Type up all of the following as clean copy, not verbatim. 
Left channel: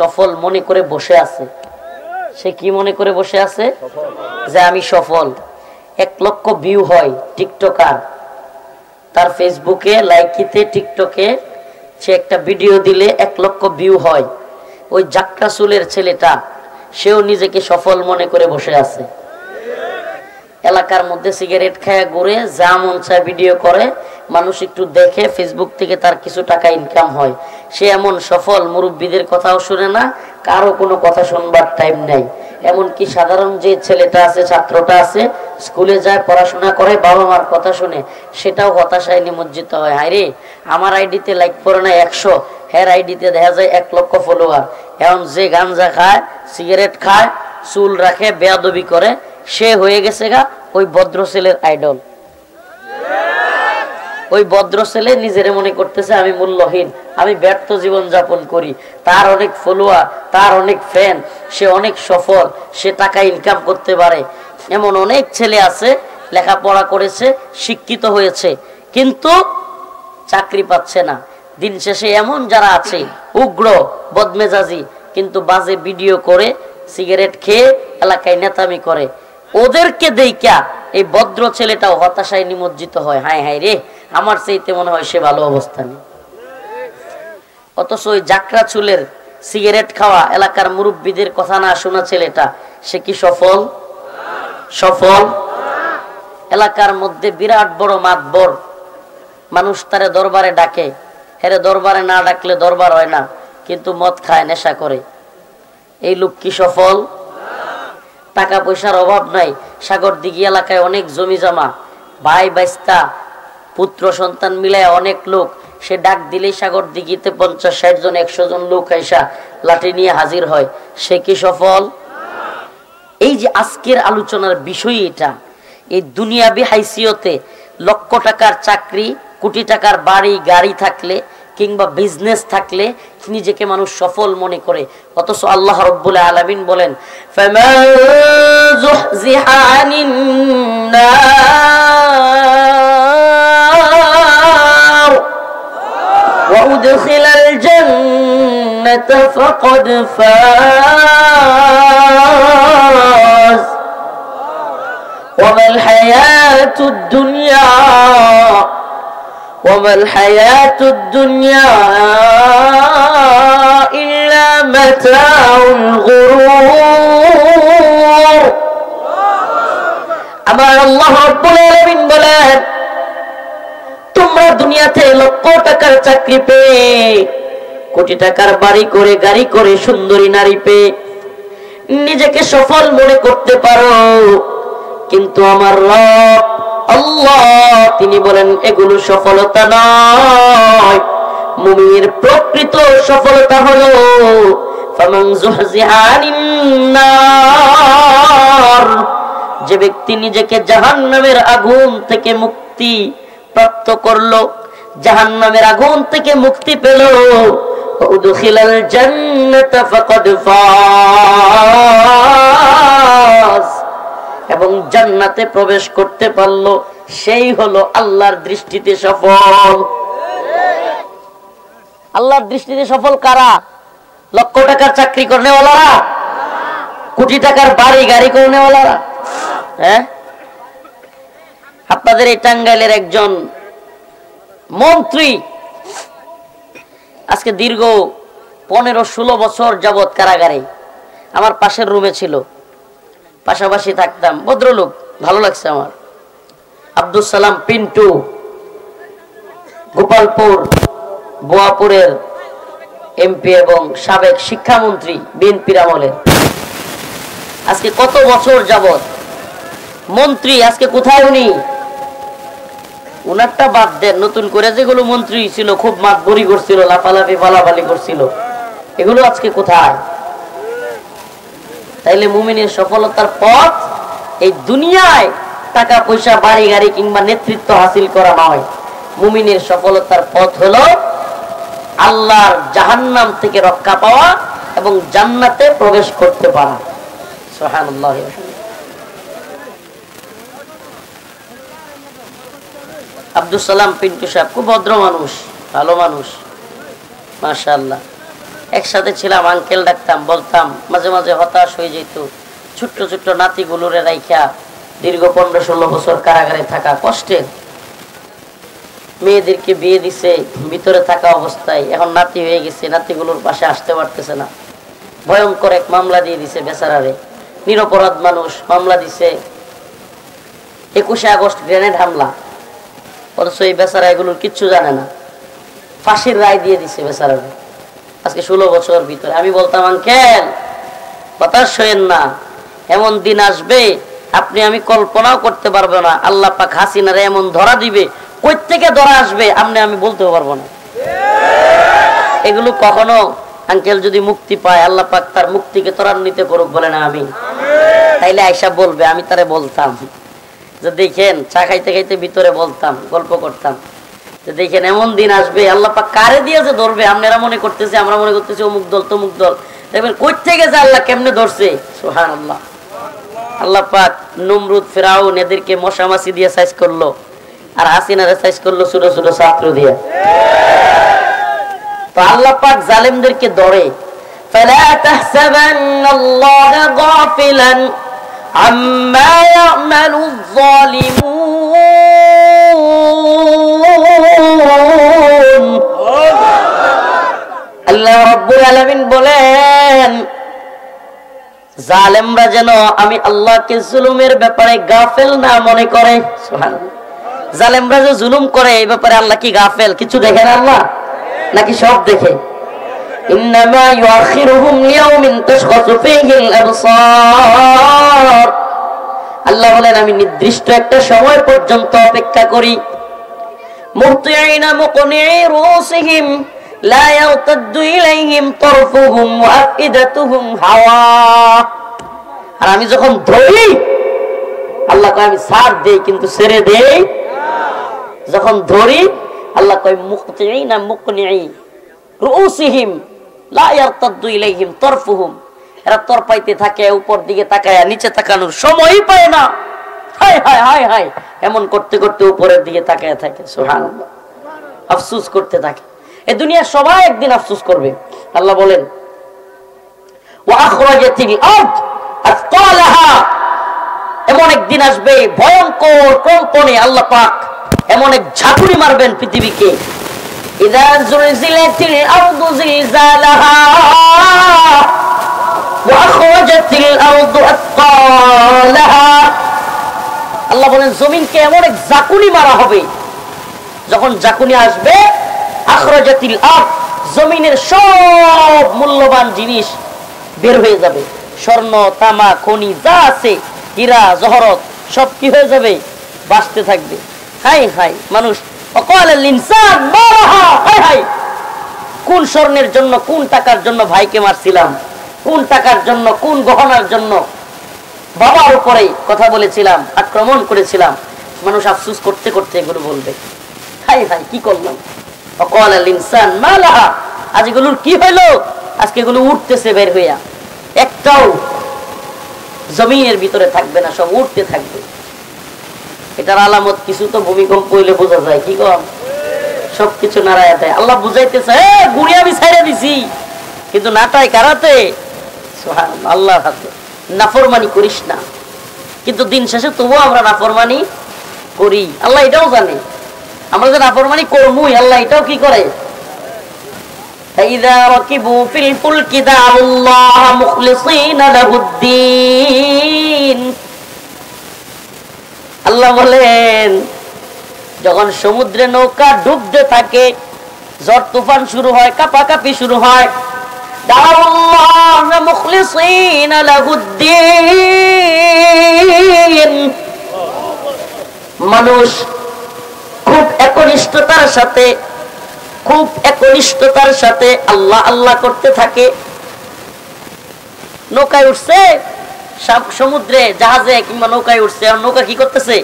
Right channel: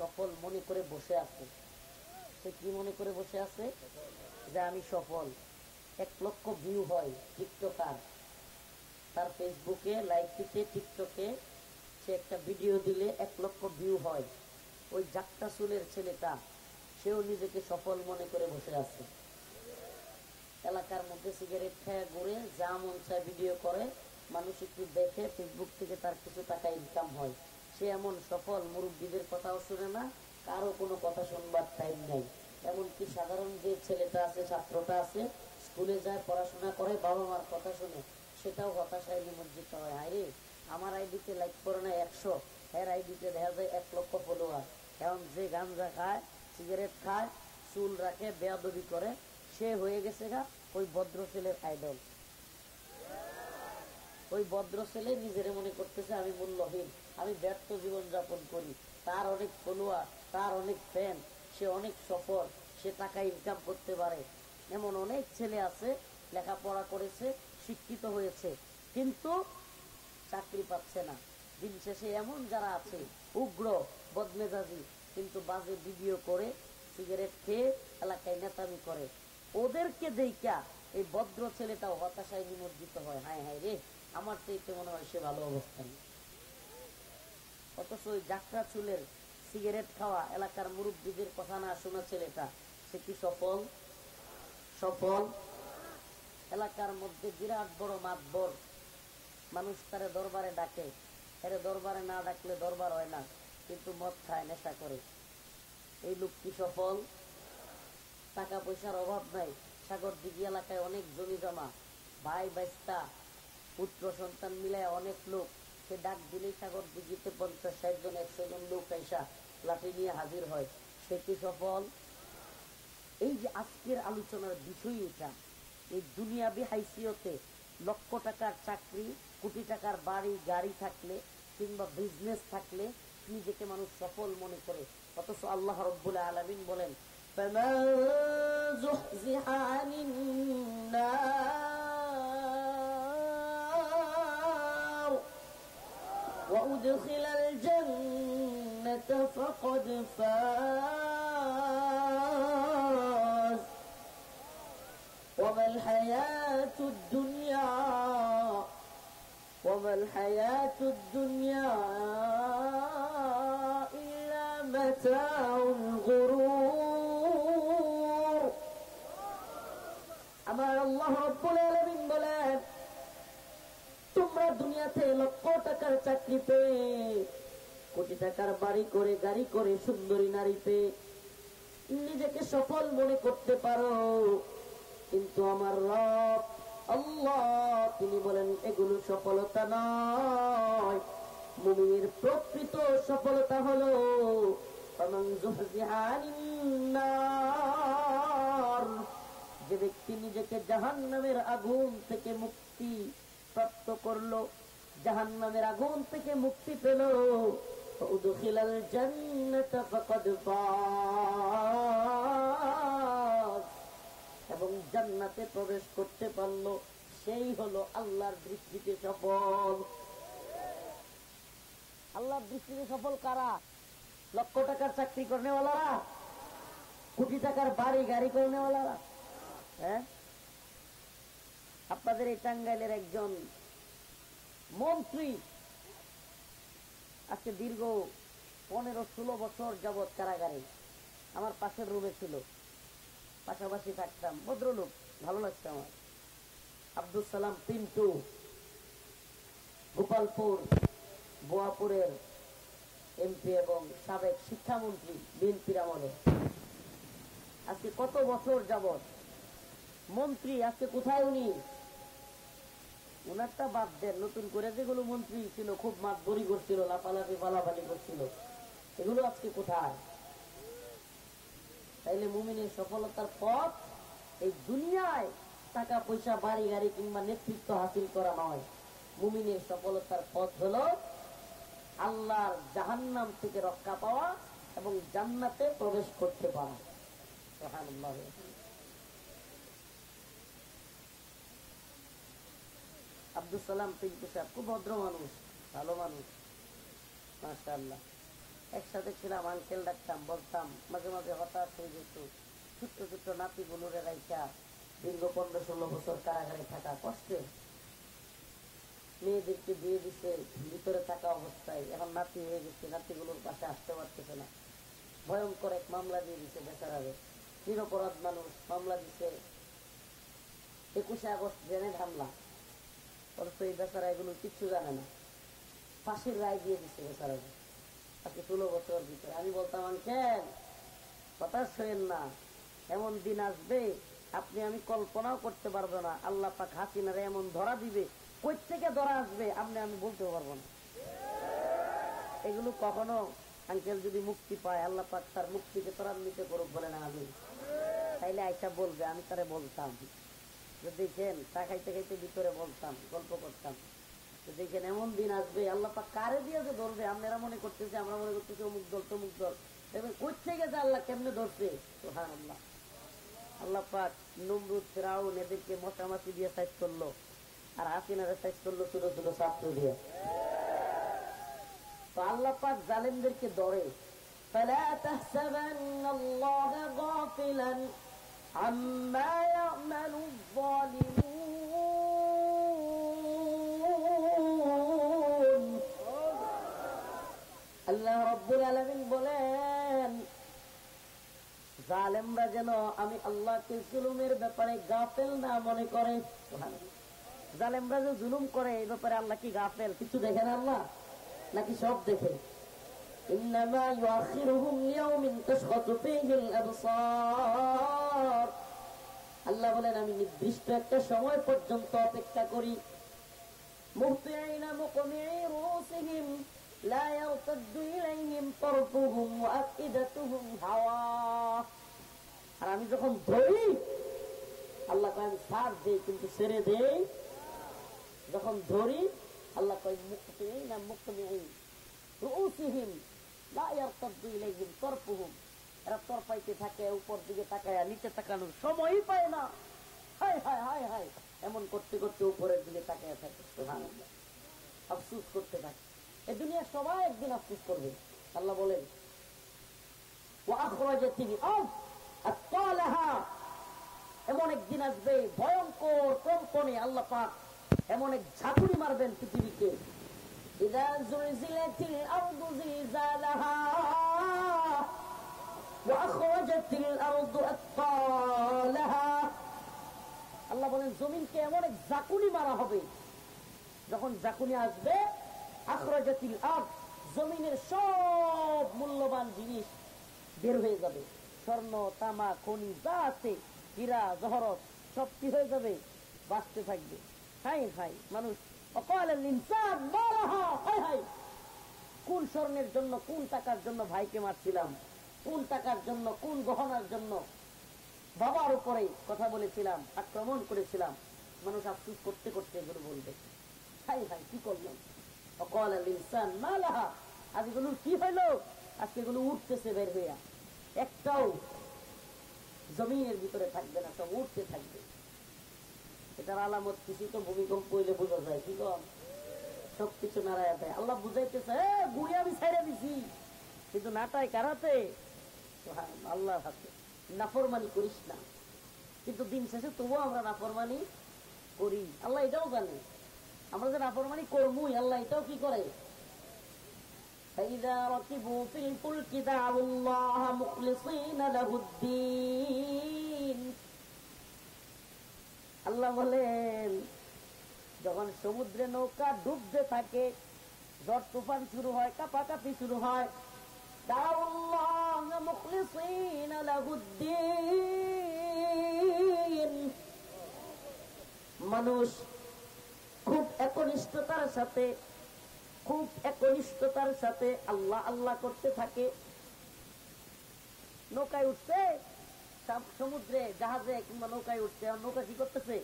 সফল মনে করে বসে আছে। সে কি মনে করে বসে আছে? যে আমি সফল। 1 লক্ষ ভিউ হয় টিকটকার, তার ফেসবুকে, লাইকিতে, টিকটকে সে একটা ভিডিও দিলে 1 লক্ষ ভিউ হয়। ওই জাক্কা চুলের ছেলেটা সেও নিজেকে সফল মনে করে বসে আছে। এলাকার মধ্যে সিগারেট খায় ঘুরে, যা মন চায় ভিডিও করে, মানুষ একটু দেখে, ফেসবুক থেকে তার কিছু টাকা ইনকাম হয়। সে এমন সফল, মুরব্বীদের কথাও শুনে না, কারো কোনো কথা শুনবার টাইম নাই। এমনকি সাধারণ যে ছেলেটা আছে, ছাত্রটা আছে, স্কুলে যায়, পড়াশোনা করে, বাবা মার কথা শুনে, সেটাও হতাশায় নিমজ্জিত হয়। হায় রে, আমার আইডিতে লাইক পড়ে না 100, হের আইডিতে দেখা যায় 1 লক্ষ ফলোয়ার। এখন যে গাঞ্জা খায়, সিগারেট খায়, চুল রাখে, বেয়াদবি করে, সে হয়ে গেছে গা ওই ভদ্র ছেলের আইডল। ওই ভদ্র ছেলে নিজের মনে করতেছে আমি মূল্যহীন, আমি ব্যর্থ জীবন যাপন করি। তার অনেক ফলোয়ার, তার অনেক ফ্যান, সে অনেক সফল, সে টাকা ইনকাম করতে পারে। এমন অনেক ছেলে আছে, লেখাপড়া করেছে, শিক্ষিত হয়েছে, কিন্তু চাকরি পাচ্ছে না। দিন শেষে এমন যারা আছে উগ্র, বদমেজাজি, কিন্তু বাজে ভিডিও করে, সিগারেট খেয়ে এলাকায় নেতামি করে, ওদেরকে দেইকা এই ভদ্র ছেলেটাও হতাশায় নিমজ্জিত হয়। হায় হায় রে, আমার চাইতে মনে হয় সে ভালো অবস্থানে। অথচ ওই জাকরা চুলের, সিগারেট খাওয়া, এলাকার মুরব্বীদের কথা না শোনা ছেলেটা, সে কি সফল? সফল। এলাকার মধ্যে বিরাট বড় মাতবর, মানুষ তারে দরবারে ডাকে, হেরে দরবারে না ডাকলে দরবার হয় না, কিন্তু মদ খায়, নেশা করে। এই লোক কি সফল? টাকা পয়সার অভাব নাই, সাগরদিঘি এলাকায় অনেক জমি জমা, ভাই বাইস্তা, পুত্র সন্তান মিলায় অনেক লোক। সে ডাক দিলেই সাগরদিঘিতে 50-60 জন, 100 জন লোক আইসা লাঠি নিয়ে হাজির হয়। সে কি সফল? এই যে আজকের আলোচনার বিষয় এটা, এই দুনিয়াবি হাইসিয়তে লক্ষ টাকার চাকরি, কোটি টাকার বাড়ি গাড়ি থাকলে, কিংবা বিজনেস থাকলে নিজেকে মানুষ সফল মনে করে। অথচ আল্লাহ রাব্বুল আলামিন বলেন, ফামান যুহজিহা আনিন নার ওয়া উদখিলাল জান্নাতা ফাকাদ ফাজ ওয়া মাল হায়াতুদ দুনিয়া وما الحياة الدنيا إلا متاع الغرور। আমার আল্লাহ রাব্বুল আলামিন বলেন, তোমরা দুনিয়াতে লক্ষ টাকার চাকরি পেয়ে, কোটি টাকার বাড়ি করে, গাড়ি করে, সুন্দরী নারী পেয়ে নিজেকে সফল মনে করতে পারো, কিন্তু আমার রব আল্লাহ তিনি বলেন এগুলো সফলতা নয়। মুমিনের প্রকৃত সফলতা হলো ফামান যুহজিহা আনিন নার, যে ব্যক্তি নিজেকে জাহান্নামের আগুন থেকে মুক্তি প্রাপ্ত করলো, জাহান্নামের আগুন থেকে মুক্তি পেল, উদখিলাল জান্নাতা ফাকাদ ফাজ, এবং জান্নাতে প্রবেশ করতে পারলো, সেই হলো আল্লাহর দৃষ্টিতে সফল। আল্লাহর দৃষ্টিতে সফল কারা? লক্ষ টাকার চাকরি করনেওয়ালারা, কোটি টাকার বাড়ি গাড়ি করনেওয়ালারা। হ্যাঁ, আপনাদের এই টাঙ্গাইলের একজন মন্ত্রী আজকে দীর্ঘ 15-16 বছর যাবৎ কারাগারে, আমার পাশের রুমে ছিল, পাশাপাশি থাকতাম, ভদ্রলোক, ভালো লাগছে আমার। আব্দুল সালাম পিন্টু, গোপালপুর বোয়াপুরের এমপি এবং সাবেক শিক্ষামন্ত্রী বিএনপির আমলের, আজকে কত বছর যাবৎ মন্ত্রী, আজকে কোথায় উনি? উনারটা বাদ দেন, নতুন করে যেগুলো মন্ত্রী ছিল, খুব মাতবরি করছিল, লাফালাফি ফালাফালি করছিল, এগুলো আজকে কোথায়? তাইলে মুমিনের সফলতার পথ এই দুনিয়ায় টাকা পয়সা, বাড়ি গাড়ি কিংবা নেতৃত্ব হাসিল করা নয়। মুমিনের সফলতার পথ হলো আল্লাহর জাহান্নাম থেকে রক্ষা পাওয়া এবং জান্নাতে প্রবেশ করতে পারা। সুবহানাল্লাহ। আব্দুল সালাম পিন্টু সাহেব খুব ভদ্র মানুষ, ভালো মানুষ, মাশাআল্লাহ। একসাথে ছিলাম, আঙ্কেল ডাকতাম, বলতাম, মাঝে মাঝে হতাশ হয়ে যেত। ছোট্ট ছোট্ট নাতিগুলোরে রাইখা দীর্ঘ 15-16 বছর কারাগারে থাকা কষ্টের। মেয়েদেরকে বিয়ে দিছে ভিতরে থাকা অবস্থায়, এখন নাতি হয়ে গেছে, নাতিগুলোর পাশে আসতে পারতেছে না। ভয়ঙ্কর এক মামলা দিয়ে দিছে বেচারারে, নিরপরাধ মানুষ, মামলা দিছে 21 আগস্ট গ্রেনেড হামলা, অথচ এই বেচারা এগুলোর কিচ্ছু জানে না, ফাঁসির রায় দিয়ে দিছে বেচারারে আজকে 16 বছর ভিতরে। আমি বলতাম, আঙ্কেল হতাশ হইেন না, এমন দিন আসবে আপনি আমি কল্পনাও করতে পারবো না। আল্লাহ পাক হাসিনারে এমন ধরা দিবে, কই থেকে ধরা আসবে আপনি আমি বলতেও পারবো না। এগুলো কখনো আঙ্কেল যদি মুক্তি পায়, আল্লাহ পাক তার মুক্তিকে ত্বরান্বিত করুক, বলে না আমি। তাইলে আয়সা বলবে, আমি তারে বলতাম যে দেখেন, চা খাইতে খাইতে ভিতরে বলতাম, গল্প করতাম যে দেখেন এমন দিন আসবে, আল্লাহ পাক কারে দিয়েছে ধরবে, আপনারা মনে করতেছে, আমরা মনে করতেছি অমুক দল তমুক দল, দেখবেন কই থেকে যে আল্লাহ কেমনে ধরছে। সুবহানাল্লাহ। আল্লাহ পাক নমরুদ, ফেরাউন এদেরকে মশা মাছি দিয়ে সাইজ করলো, আর হাসিনারে সাইজ করলো ছোট ছোট ছাত্র দিয়ে। তো আল্লাহ পাক জালেমদেরকে ধরে। ফালা তাহসাবান্নাল্লাহা গাফিলান আম্মা ইয়ামালুয যালিমুন। আল্লাহ রাব্বুল আলামিন বলেন, জালেমরা যেন আমি আল্লাহকে জুলুমের ব্যাপারে গাফেল না মনে করে। সুবহানাল্লাহ। জালেমরা যে জুলুম করে এই ব্যাপারে আল্লাহ কি গাফেল? কিছু দেখে না আল্লাহ, নাকি সব দেখে? ইন্নামা ইউআখিরুহুম লিয়াউমিন তাশখাসু ফীহিল আবসার। আল্লাহ বলেন, আমি নির্দিষ্ট একটা সময় পর্যন্ত অপেক্ষা করি। মুহতিঈনা মুকনিঈ রুসিহিম লা ইয়ারতাদ্দু ইলাইহিম তারফুহুম ওয়া আফইদাতুহুম হাওয়া। আর আমি যখন ধরি, আল্লাহ কয় আমি ছাড় দেই কিন্তু ছেড়ে দেই। যখন ধরি আল্লাহ কয় মুহতিঈনা মুকনিঈ রুসিহিম লা ইয়ারতাদ্দু ইলাইহিম তারফুহুম। এরা তরপাইতে থাকে, উপর দিকে তাকায়, নিচে তাকানোর সময়ই পায় না। হায় হায় হায় হায়, এমন করতে করতে উপরের দিকে তাকায় থাকে। সুবহানাল্লাহ। আফসোস করতে থাকে। এই দুনিয়া সবাই একদিন আফসোস করবে। আল্লাহ বলেন, ওয়া আখরাজাতিল আরদ আসকালাহা। এমন একদিন আসবে ভয়ঙ্কর কম্পনে আল্লাহ পাক এমন এক ঝাঁকুনি মারবেন পৃথিবীকে। ইযা যুলজিলাতিল আরদু জিলজালাহা ওয়া আখরাজাতিল আরদু আসকালাহা। আল্লাহ বলেন, জমিনকে এমন এক ঝাঁকুনি মারা হবে, যখন ঝাঁকুনি আসবে, আখরাজাতিল আরদ, জমিনের সব মূল্যবান জিনিস বের হয়ে যাবে। স্বর্ণ, তামা, খনি যা আছে, হীরা জহরত, সব কি হয়ে যাবে? বাঁচতে থাকবে। হাই হাই মানুষ, ওয়াকালাল ইনসান মা লাহা। হাই হাই, কোন স্বর্ণের জন্য, কোন টাকার জন্য ভাইকে মারছিলাম, কোন টাকার জন্য, কোন গহনার জন্য বাবার উপরে কথা বলেছিলাম, আক্রমণ করেছিলাম। মানুষ আফসোস করতে করতে এগুলো বলবে, হাই হাই কি করলাম। ওয়াকালাল ইনসান মা লাহা, আজ এগুলোর কি হইলো? আজকে এগুলো উঠতেছে বের হইয়া, একটাও জমিনের ভিতরে থাকবে না, সব উঠতে থাকবে। এটার আলামত কিছু তো ভূমিকম্প হইলে বোঝা যায়। কি কম? সবকিছু নাড়ায় দেয়। আল্লাহ বুঝাইতেছে, গুড়ি আমি ছাইড়া দিছি, কিন্তু নাটাই কারাতে? সুবহানাল্লাহ, আল্লাহর হাতে। নাফরমানি করিস না, কিন্তু দিন শেষে তবুও আমরা নাফরমানি করি। আল্লাহ এটাও জানে আমরা যে নাফরমানি করবই। আল্লাহ এটাও কি করে? فإذا ركبوا في الفلك دعوا الله مخلصين له الدين। আল্লাহ বলেন, যখন সমুদ্রে নৌকা ডুবতে থাকে, ঝড় তুফান শুরু হয়, কাঁপাকাঁপি শুরু হয়, دعوا الله مخلصين له الدين। মানুষ খুব একনিষ্ঠতার সাথে, খুব একনিষ্ঠতার সাথে আল্লাহ আল্লাহ করতে থাকে। নৌকায় উঠছে, সমুদ্রে জাহাজে কিংবা নৌকায় উঠছে, আর নৌকা কি করতেছে?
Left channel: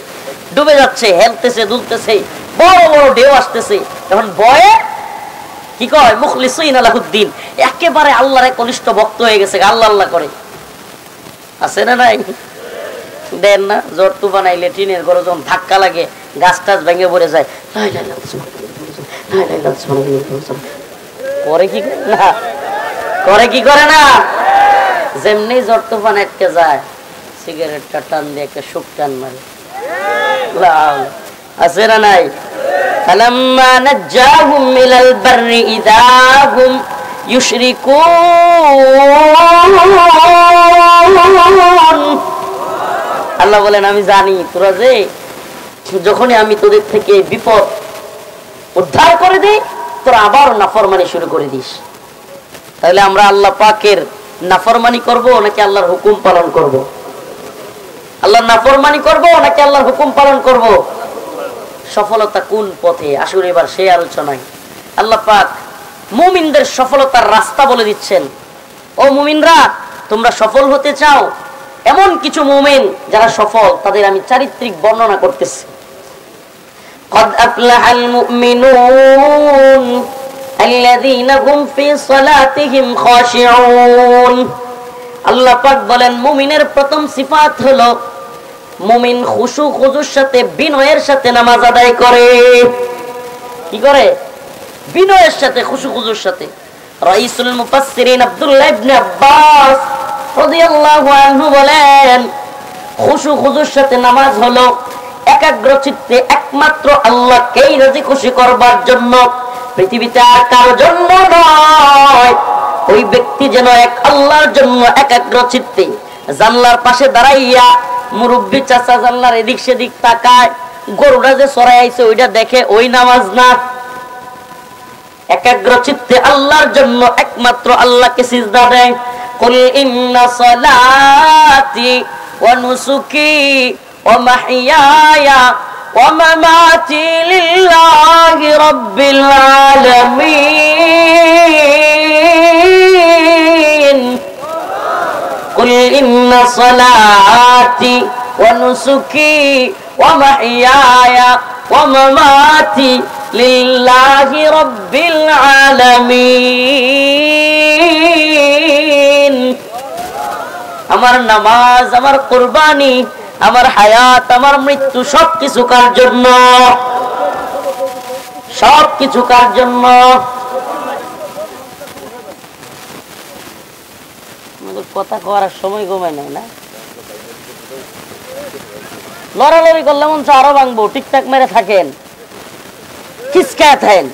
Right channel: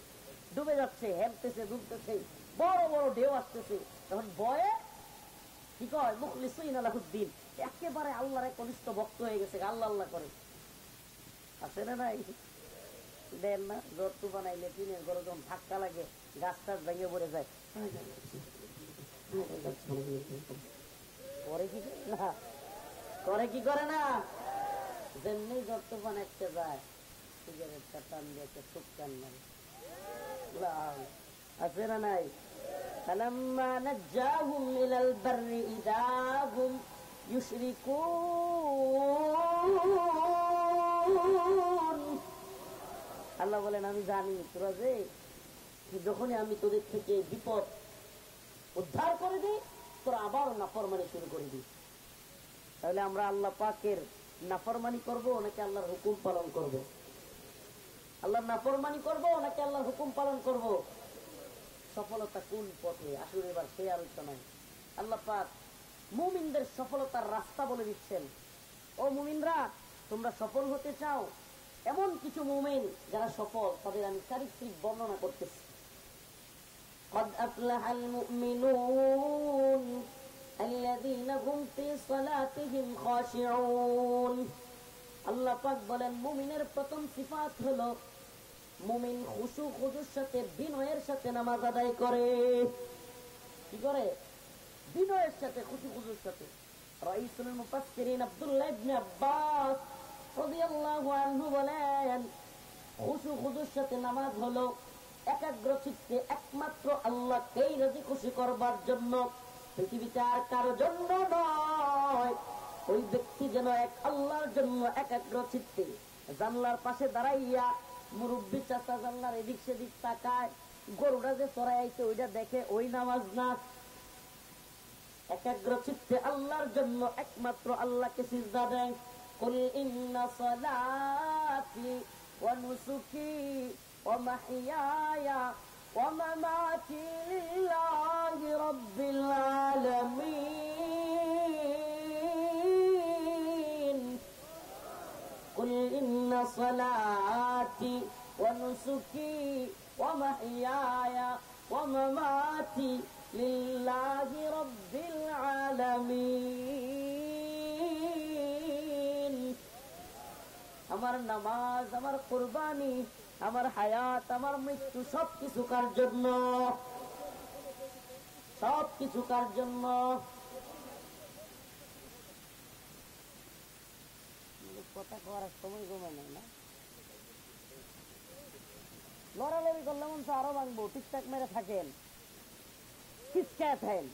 ডুবে যাচ্ছে, হেলতেছে, দুলতেছে, বড় বড় ঢেউ আসতেছে। তখন ভয়ে কি কয়? মুখলিসিন লাহুদ্দিন, একেবারে আল্লাহর একনিষ্ঠ ভক্ত হয়ে গেছে, আল্লাহ আল্লাহ করে। আছে না নাই? দেন না, জ্বর তুফান আইলে টিনের ঘরে যখন ধাক্কা লাগে, গাছ টাছ ভেঙে পড়ে যায়, পরে কি না করে কি করে না? যেমনি জ্বর তুফান আটকে যায়, সিগারেটটা টান দিয়ে একটা সুখ টান মারে। আছে না নাই? ফালাম্মা নাজ্জাহুম মিনাল বাররি ইযা হুম ইউশরিকুন। আল্লাহ বলেন আমি জানি তোরা যে যখনই আমি তোদের থেকে বিপদ উদ্ধার করে দেই, তোরা আবার নাফরমানি শুরু করে দিস। তাহলে আমরা আল্লাহ পাকের নাফরমানি করব নাকি আল্লাহর হুকুম পালন করব? আল্লাহর নাফরমানি করব নাকি আল্লাহর হুকুম পালন করব? সফলতা কোন পথে? আসুন এবার সেই আলোচনায়। আল্লাহ পাক মুমিনদের সফলতার রাস্তা বলে দিচ্ছেন। ও মুমিনরা, তোমরা সফল হতে চাও? এমন কিছু মুমিন যারা সফল, তাদের আমি চারিত্রিক বর্ণনা করতেছি। قد أفلح المؤمنون الذين هم في صلاتهم خاشعون। আল্লাহ পাক বলেন মুমিনের প্রথম সিফাত হলো মুমিন খুশু খুজুর সাথে বিনয়ের সাথে নামাজ আদায় করে। কি করে? বিনয়ের সাথে, খুশু খুজুর সাথে। রাইসুল মুফাসসিরিন আব্দুল্লাহ ইবনে আব্বাস রাদিয়াল্লাহু আনহু বলেন খুশু খুজুর সাথে নামাজ হলো একাগ্র চিত্তে একমাত্র আল্লাহকেই রাজি খুশি করবার জন্য, পৃথিবীতে আর কারোর জন্য নয়। ওই ব্যক্তি যেন এক আল্লাহর জন্য একাগ্র চিত্তে জানলার পাশে দাঁড়াইয়া মুরব্বী চাচা জানলার এদিক সেদিক তাকায়, গরুটা যে চড়াই আইছে ওইটা দেখে, ওই নামাজ না। একাগ্র চিত্তে আল্লাহর জন্য একমাত্র আল্লাহকে সিজদা দেয়। কুল ইন্না সালাতি ওয়া নুসুকি ওয়া মাহইয়ায়া ওয়া মামাতি লিল্লাহি রাব্বিল আলামিন। কুল ইন্না সালাতি ওয়া নুসুকি ওয়া মাহইয়ায়া ওয়া মামাতি লিল্লাহি রাব্বিল আলামিন। আমার নামাজ, আমার কুরবানি, আমার হায়াত, আমার মৃত্যু সবকিছু কার জন্য? সবকিছু কার জন্য? কথা করার সময় কমায় নাই না? লড়ালড়ি করলে মন আরো ভাঙবো। টিকটাক মেরে থাকেন, কিসকায় থাকেন,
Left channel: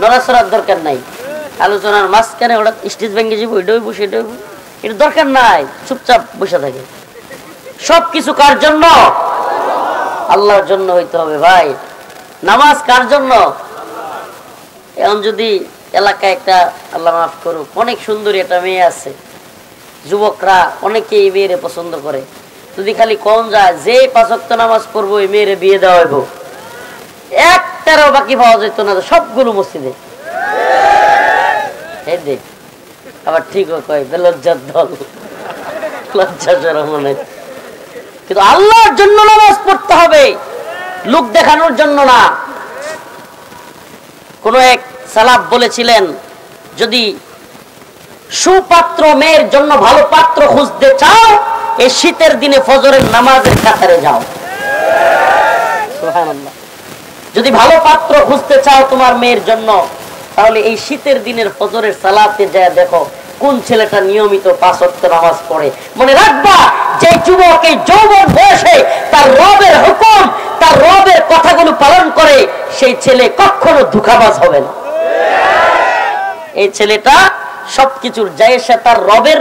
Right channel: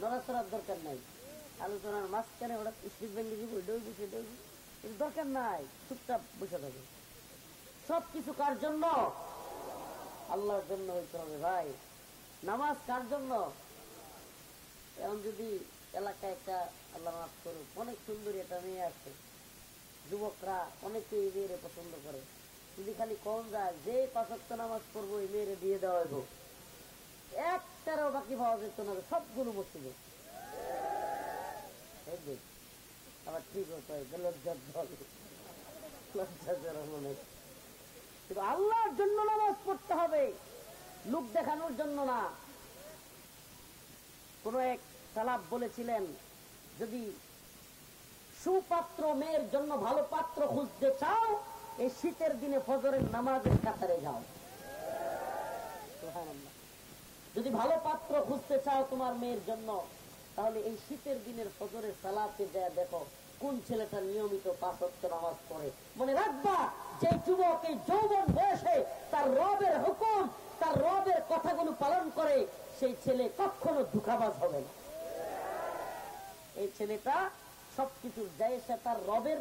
নড়াচড়ার দরকার নাই। আলোচনার মাঝখানে ওটা স্টেজ ভেঙে যাবো, এটাই বসে এটাই, এটা দরকার নাই। চুপচাপ বসে থাকে। সবকিছু কার জন্য? আল্লাহর জন্য হইতে হবে ভাই। নামাজ কার জন্য? এখন যদি এলাকায় একটা, আল্লাহ মাফ করুক, অনেক সুন্দরী একটা মেয়ে আছে, যুবকরা অনেকে এই মেয়েরে পছন্দ করে, যদি খালি কম যায় যে 5 ওয়াক্ত নামাজ পড়বো এই মেয়েরে বিয়ে দেওয়া হইব, একটারও বাকি পাওয়া যেত না, সবগুলো মসজিদে। আবার ঠিক কয় বেলজ্জার দল, লজ্জা শরম নাই। কিন্তু আল্লাহর জন্য নামাজ পড়তে হবে, লোক দেখানোর জন্য না। কোন এক সালাফ বলেছিলেন, যদি সুপাত্র মেয়ের জন্য ভালো পাত্র খুঁজতে চাও, এই শীতের দিনে ফজরের নামাজের কাতারে যাও। সুবহানাল্লাহ। যদি ভালো পাত্র খুঁজতে চাও তোমার মেয়ের জন্য, তাহলে এই শীতের দিনের ফজরের সালাতে যায় দেখো কোন ছেলেটা নিয়মিত 5 ওয়াক্ত নামাজ পড়ে। মনে রাখবা, যে যুবক এই যৌবন বয়সে তার রবের হুকুম, তার রবের কথাগুলো পালন করে, সেই ছেলে কখনো ধোঁকাবাজ হবে না। এই ছেলেটা সবকিছুর জায়েজে তার রবের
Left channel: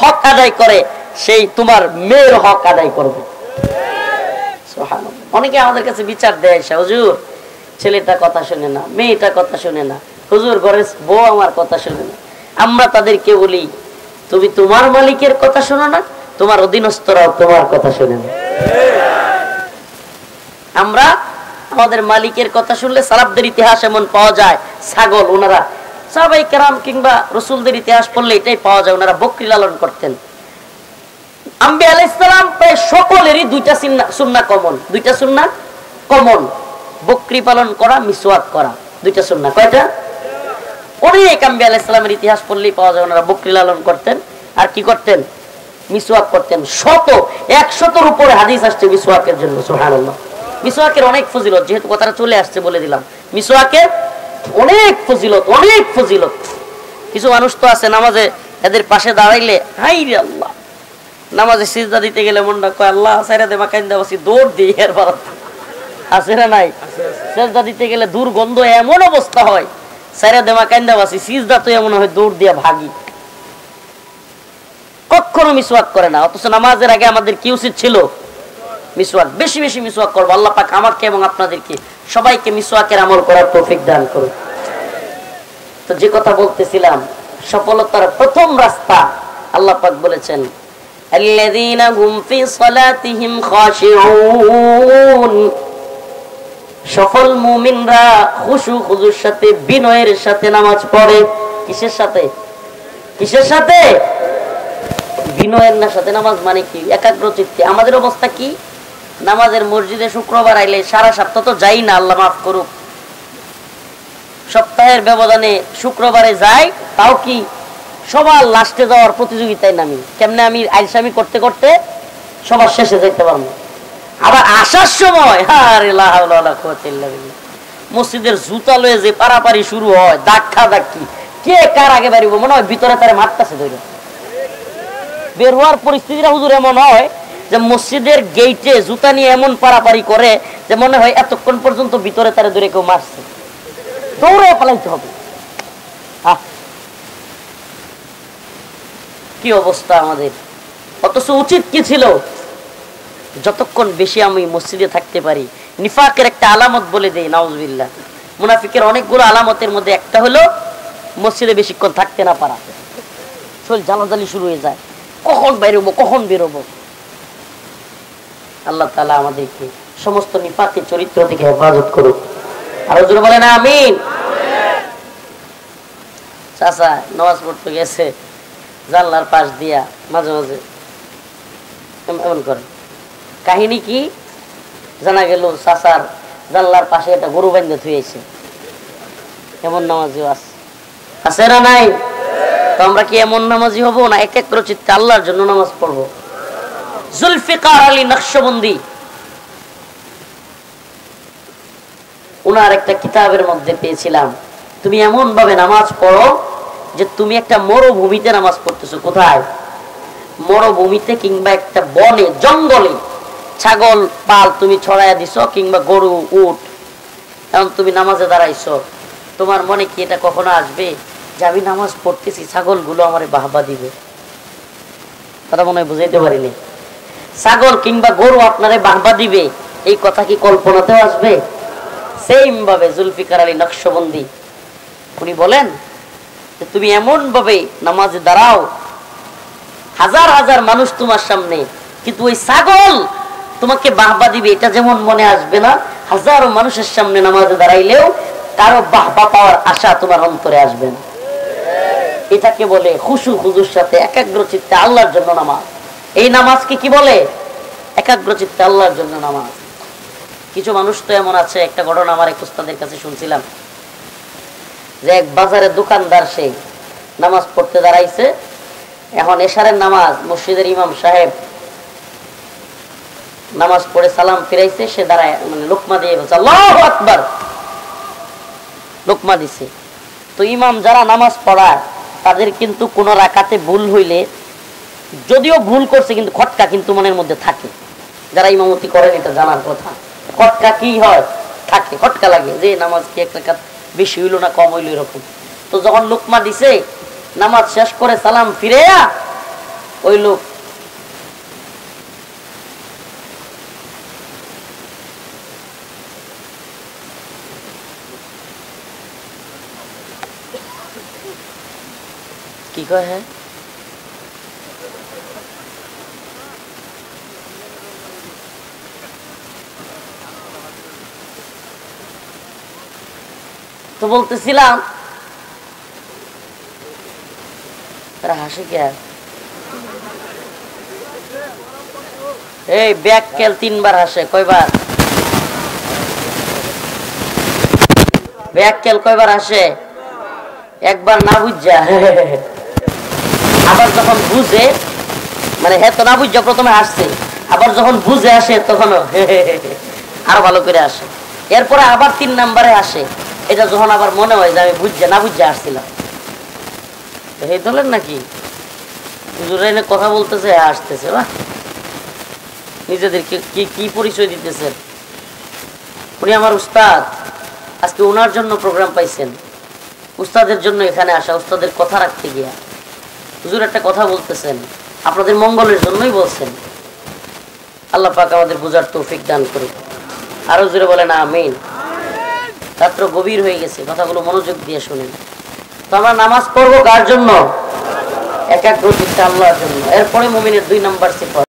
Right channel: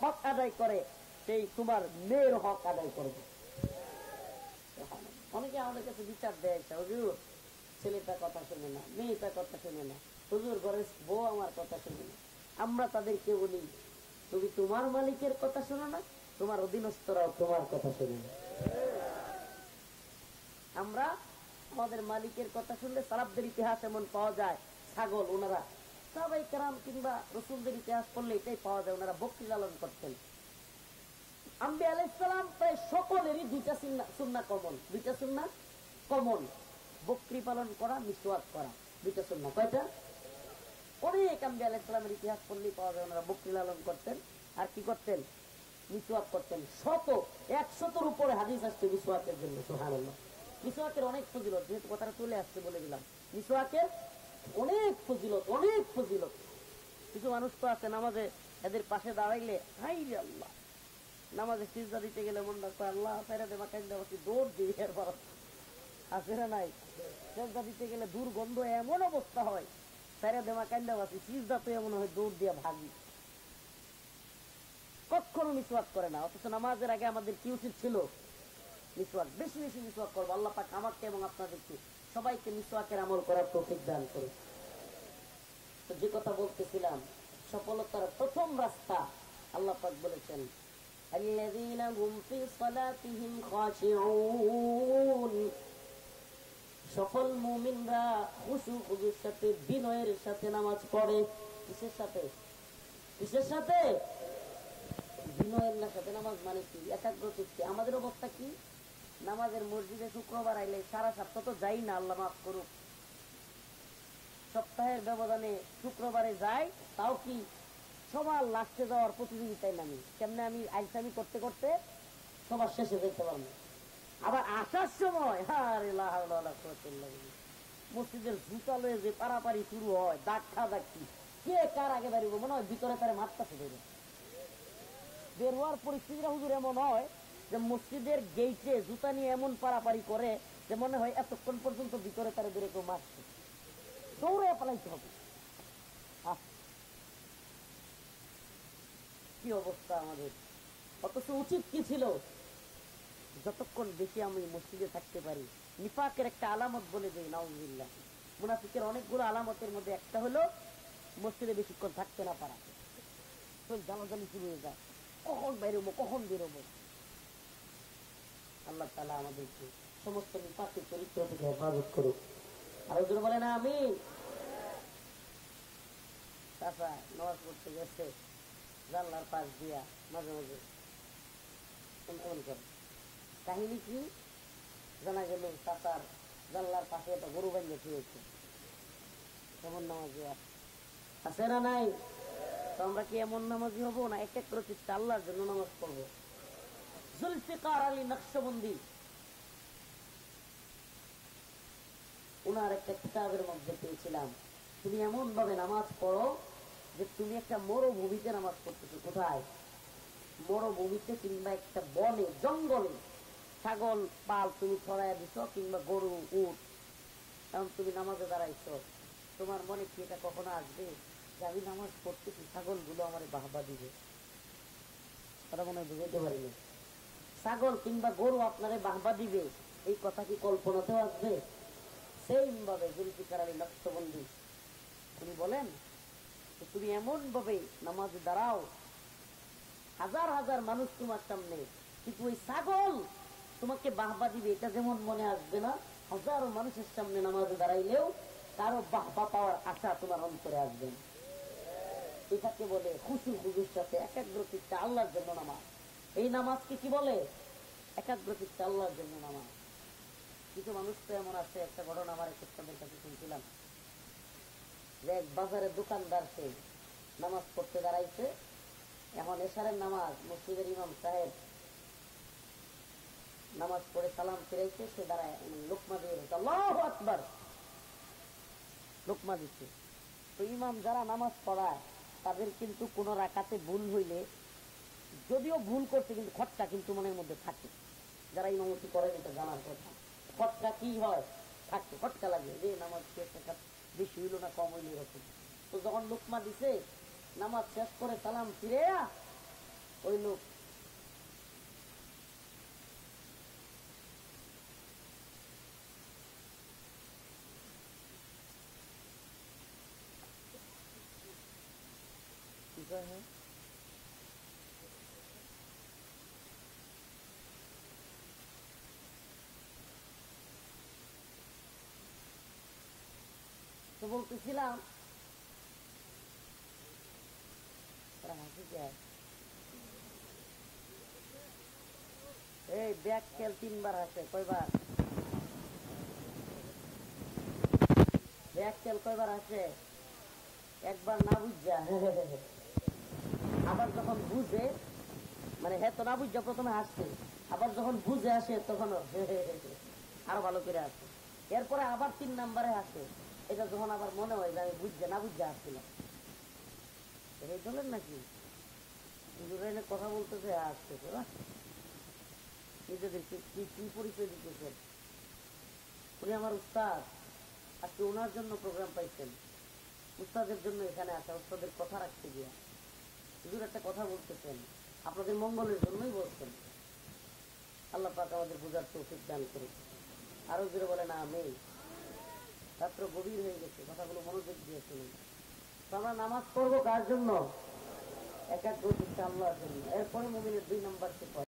হক আদায় করে, সেই তোমার মেয়ের হক আদায় করবে। সুবহানাল্লাহ। অনেকে আমাদের কাছে বিচার দেয়, হুজুর ছেলেটা কথা শুনে না, মেয়েটা কথা শুনে না, হুজুর ঘরের বউ আমার কথা শুনে না। আমরা তাদেরকে বলি, তুমি তোমার মালিকের কথা শোনো না, তোমার অধীনস্থরাও তোমার কথা শুনে না। আমরা আমাদের মালিকের কথা শুনলে, সালাফদের ইতিহাস এমন পাওয়া যায়, ছাগল ওনারা সাহাবায়ে কেরাম কিংবা রাসূলদের ইতিহাস পড়লে এটাই পাওয়া যায়, ওনারা বকরি লালন করতেন। আম্বিয়া আলাইহিস সালাম প্রায় সকলেরই দুইটা সুন্নাহ কমন, দুইটা সুন্নাহ কমন, বকরি পালন করা, মিসওয়াক করা, দুইটা সুন্নাহ। কয়টা? অনেক আম্বিয়া আলাইহিস সালামের ইতিহাস পড়লেই পাওয়া যায়, ওনারা বকরি লালন করতেন আর কি করতেন? মিসওয়াক করতেন। 100-100 উপরে হাদিস আসছে মিসওয়াকের জন্য। সুবহানাল্লাহ। মিসওয়াকের অনেক ফজিলত, যেহেতু কথাটা চলে আসছে বলে দিলাম। মিসওয়াকের অনেক ফজিলত, অনেক ফজিলত। কিছু মানুষ তো আছে নামাজে এদের পাশে দাঁড়াইলে হাই রে আল্লাহ, নামাজে সিজদা দিতে গেলে মনটা কয় আল্লাহ সাইরা দে মাকাইন্দা বাসি দৌড় দিই এর বার আছে না নাই? সিজদা দিতে গেলে দুর্গন্ধ এমন অবস্থা হয় সাইরা দে মাকাইন্দা বাসি, সিজদা তো এমন হয় দৌড় দিয়া ভাগি, কখনো মিসওয়াক করে না। অথচ নামাজের আগে আমাদের কি উচিত ছিল? মিসওয়াক, বেশি বেশি মিসওয়াক করবো। আল্লাহ পাক আমাকে এবং আপনাদেরকে সবাইকে মিসওয়াকের আমল করার তৌফিক দান করুন। তো যে কথা বলতেছিলাম, সফলতার প্রথম রাস্তা আল্লাহ পাক বলেছেন আল্লাযীনা হুম ফি সালাতিহিম খাশিউন, সফল মুমিনরা খুশু খুজুর সাথে বিনয়ের সাথে নামাজ পড়ে। কিসের সাথে? কিসের সাথে? বিনয়ের না সাথে নামাজ মানে কি? একাগ্র চিত্তে। আমাদের অবস্থা কি? নামাজের মসজিদে শুক্রবার আইলে সারা সপ্তাহ তো যাই না, আল্লাহ মাফ করুক, সপ্তাহের ব্যবধানে শুক্রবারে যাই, তাও কি সবার লাস্টে যাওয়ার প্রতিযোগিতায় নামি, কেমনে আমি আইসামি করতে করতে সবার শেষে যাইতে পারবো। আবার আসার সময় আরে লা হাওলা ওয়ালা কুওয়াতা ইল্লা বিল্লাহ, মসজিদের জুতা লয়ে যে পারাপারি শুরু হয়, ধাক্কা ধাক্কি, কে কার আগে বেরিব, মনে হয় ভিতরে তারে মারতাছে ধরে। বের হওয়ার পরিস্থিতিটা হুজুর এমন হয় যে মসজিদের গেইটে জুতা নিয়ে এমন পারাপারি করে যে মনে হয় এতক্ষণ পর্যন্ত ভিতরে তারে ধরে কেউ মারছে, দৌড়ে পালাইতে হবে। কি অবস্থা আমাদের! অথচ উচিত কি ছিল? যতক্ষণ বেশি আমি মসজিদে থাকতে পারি। নিফাকের একটা আলামত বলে দেই, নাউজুবিল্লাহ। মুনাফিকের অনেকগুলো আলামতের মধ্যে একটা হলো মসজিদে বেশিক্ষণ থাকতে না পারা, শরীর জ্বালাজালি শুরু হয়ে যায়, কখন বেরোবো কখন বেরোবো। আল্লাহ তাআলা আমাদেরকে সমস্ত নিফাকের চরিত্র থেকে হেফাজত করুক। আর হুজুর বলেন আমিন। চাচা নামাজ পড়তে গেছে, জানলার পাশ দিয়া মাঝে মাঝে এমন করে। কাহিনী কি? জানা গেল চাচার জানলার পাশে একটা গরু বান্ধে থুয়েছে। এমন নামাজিও আছে না নাই? তো আমরা কি এমন নামাজি হব না একাগ্র চিত্তে আল্লাহর জন্য নামাজ পড়বো? জুলফিকার আলী নকশবন্দি উনার একটা কিতাবের মধ্যে পেয়েছিলাম, তুমি এমন ভাবে নামাজ পড়ো যে তুমি একটা মরুভূমিতে নামাজ পড়তেছো। কোথায়? মরুভূমিতে কিংবা একটা বনে জঙ্গলে ছাগল পাল তুমি ছড়াইয়া দিছো, কিংবা গরু উট, এখন তুমি নামাজে দাঁড়াইছো। তোমার মনে কি এটা কখনো আসবে যে আমি নামাজ পড়তেছি, ছাগলগুলো আমারে বাহবা দিবে? কথা মনে হয় বুঝাইতে পারিনি। ছাগল কিংবা গরু আপনারে বাহবা দিবে, এই কথা কি কল্পনাতেও আসবে? সেম ভাবে জুলফিকার আলী নকশবন্দি উনি বলেন যে তুমি এমন ভাবে নামাজে দাঁড়াও, হাজার হাজার মানুষ তোমার সামনে, কিন্তু ওই ছাগল তোমাকে বাহবা দিবে এটা যেমন মনে আসবে না, হাজারো মানুষের সামনে নামাজে দাঁড়াইলেও কারো বাহবা পাওয়ার আশা তোমার অন্তরে আসবে না। এটাকে বলে খুশু খুজুর সাথে একাগ্র চিত্তে আল্লাহর জন্য নামাজ। এই নামাজকে কি বলে? একাগ্র চিত্তে আল্লাহর জন্য নামাজ। কিছু মানুষ তো এমন আছে, একটা ঘটনা আমার এক উস্তাদের কাছে শুনছিলাম, যে এক বাজারের দোকানদার সে নামাজ পড়তে দাঁড়াইছে। এখন এশারের নামাজ, মসজিদের ইমাম সাহেব নামাজ পড়ে সালাম ফিরাইছে, সে দাঁড়ায় মানে লোকমা দিয়ে বলছে আল্লাহু আকবার, লোকমা দিছে। তো ইমাম যারা নামাজ পড়ায় তাদের কিন্তু কোন রাকাতে ভুল হইলে, যদিও ভুল করছে কিন্তু খটকা কিন্তু মনের মধ্যে থাকে। যারা ইমামতি করেন এটা জানার কথা, খটকা কি হয়? থাকে, খটকা লাগে যে নামাজ কি এক রাকাত বেশি হইলো না কম হইলো এরকম। তো যখন লোকমা দিছে, নামাজ শেষ করে সালাম ফিরেয়া ওই লোক কি কয়? হ্যাঁ, তো বলতেছিলাম হাসি কে? এই ব্যাককেল 3 বার হাসে, কয়বার? ব্যাককেল কয়বার হাসে? একবার না বুঝা, আবার যখন বুঝে, মানে হ্যাঁ তো না বুঝা প্রথমে হাসছে, আবার যখন বুঝে আসে তখন আরো ভালো করে আসে। এরপরে আবার 3 নাম্বারে আসে, এটা যখন আবার মনে হয় যে আমি বুঝছে না বুঝছে আসছিলাম, এই দলের নাকি হুজুর এনে কথা বলতেছে, আসতেছে, বাহ নিজেদেরকে কি কি পরিচয় দিতেছেন। উনি আমার উস্তাদ, আজকে ওনার জন্য প্রোগ্রাম পাইছেন, উস্তাদের জন্য এখানে আসা, উস্তাদের কথা রাখতে গিয়া হুজুর একটা কথা বলতেছেন, আপনাদের মঙ্গলের জন্যই বলছেন। আল্লাহ পাক আমাদের বুঝার তৌফিক দান করুক। আরো জোরে বলেন আমিন। রাত্র গভীর হয়ে গেছে, কথাগুলো মনোযোগ দিয়ে শুনেন। তো আমরা নামাজ পড়বো কার জন্য? একাগ্র চিত্তে আল্লাহর জন্য। এরপরে মুমিনের 2 নাম্বার সিফাত